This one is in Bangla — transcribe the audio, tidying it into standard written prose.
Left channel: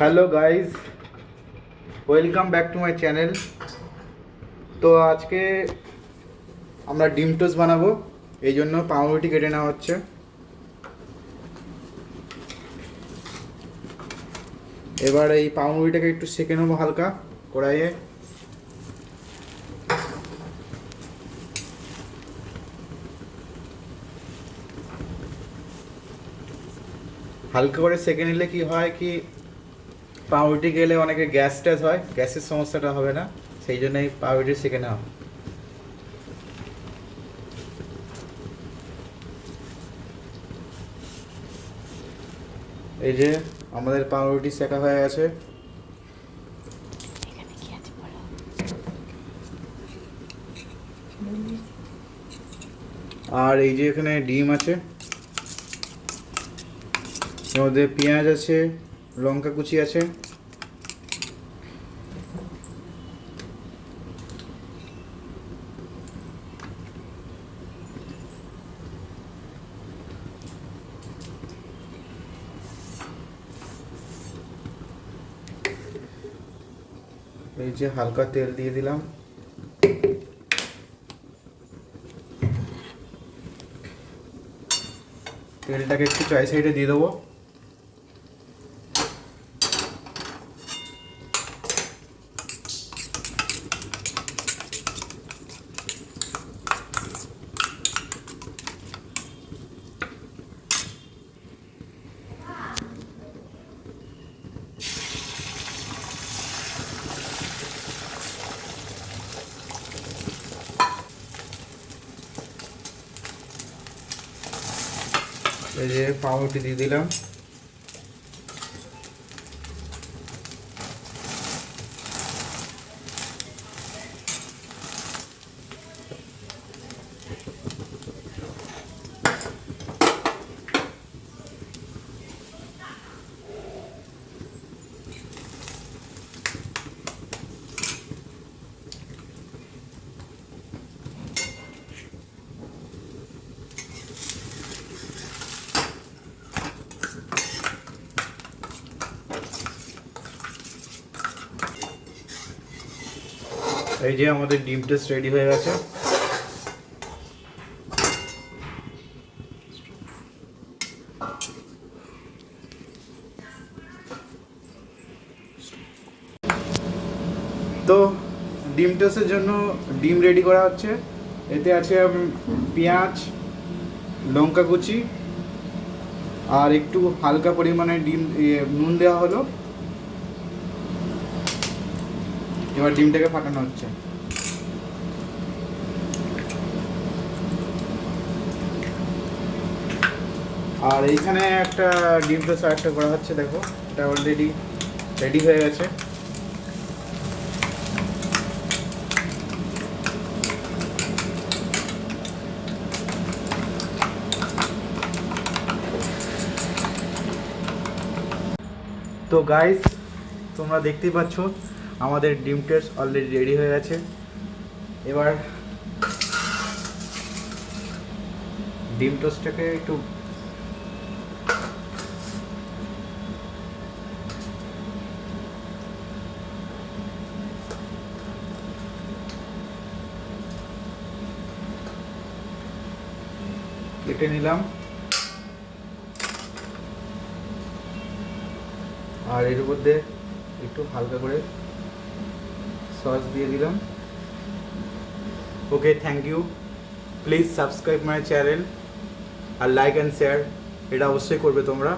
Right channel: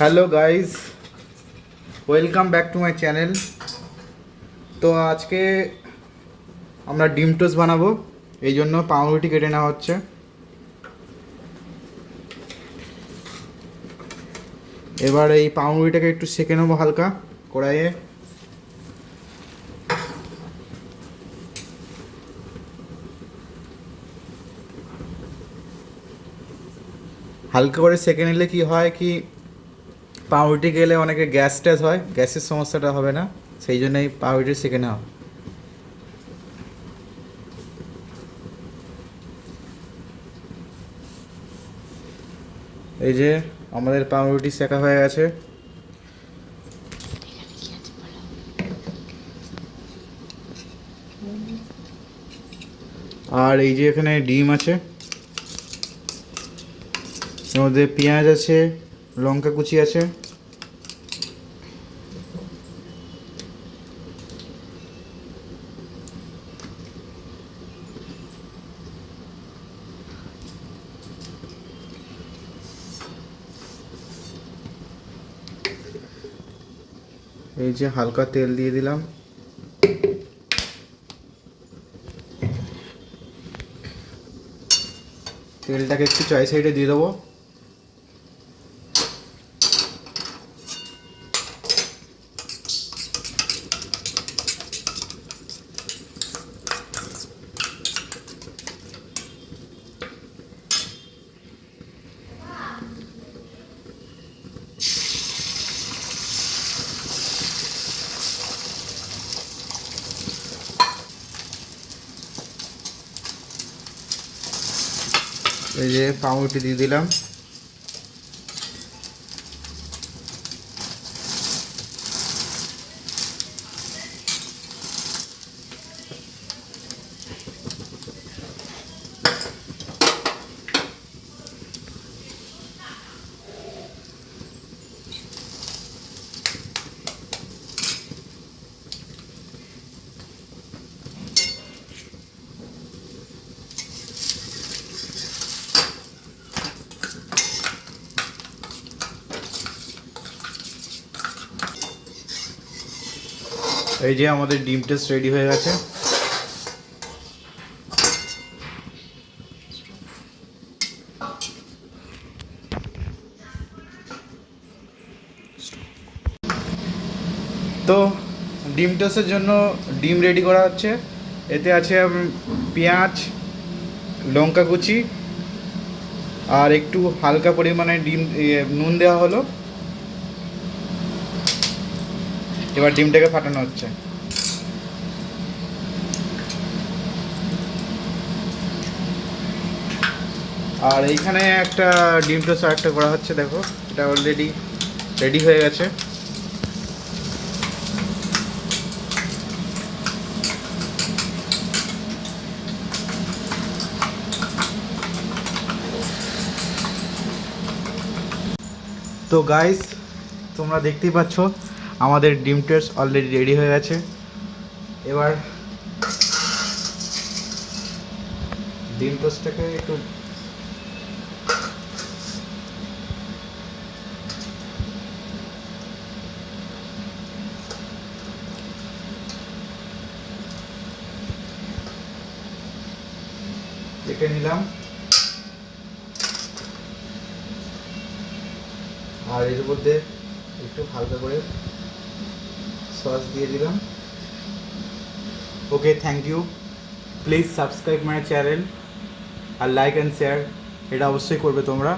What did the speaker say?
Hello guys, welcome back to my channel. তো আজকে আমরা ডিম টোস্ট বানাবো, এই জন্য পাউরুটি কেটে নেওয়া হচ্ছে। এবার এই পাউরুটিটাকে একটু সেঁকে নেবো হালকা কড়াইয়ে। হালকা করে সেঁকে নিলে কি হয় কি, পাউরুটি গেলে অনেকে গ্যাস ট্যাস হয়, গ্যাসের সমস্যাটা হবে না, সেই জন্যই পাউরুটি সেঁকে নেওয়া। এই যে আমাদের পাউরুটি সেঁকা হয়ে গেছে। আর এই যে এখানে ডিম আছে, এর মধ্যে পেঁয়াজ আছে, লঙ্কা কুচি আছে। এই যে হালকা তেল দিয়ে দিলাম। তেলটাকে একটু চাই সাইডে দিয়ে দেবো। এই যে পাউরুটি দিয়ে দিলাম। এই যে আমাদের ডিম টোস্ট রেডি হয়ে গেছে। তো ডিম টোস্টের জন্য ডিম রেডি করা হচ্ছে। এতে আছে পেঁয়াজ, লঙ্কা কুচি আর একটু হালকা পরিমাণে নুন দেওয়া হলো। এবার ডিমটাকে ফাটানো হচ্ছে। আর এইখানে একটা ডিম টোস্ট আরেকটা করা হচ্ছে, দেখো এটা অলরেডি রেডি হয়ে গেছে। তো গাইস, তোমরা দেখতেই পাচ্ছ আমাদের ডিম টোস্ট অলরেডি রেডি হয়ে গেছে। এবার ডিম টোস্টটাকে একটু কেটে নিলাম। আর এর মধ্যে একটু হালকা করে সস দিয়ে দিলাম। Okay, thank you. Please subscribe my channel আর লাইক অ্যান্ড শেয়ার, এটা অবশ্যই করবে তোমরা।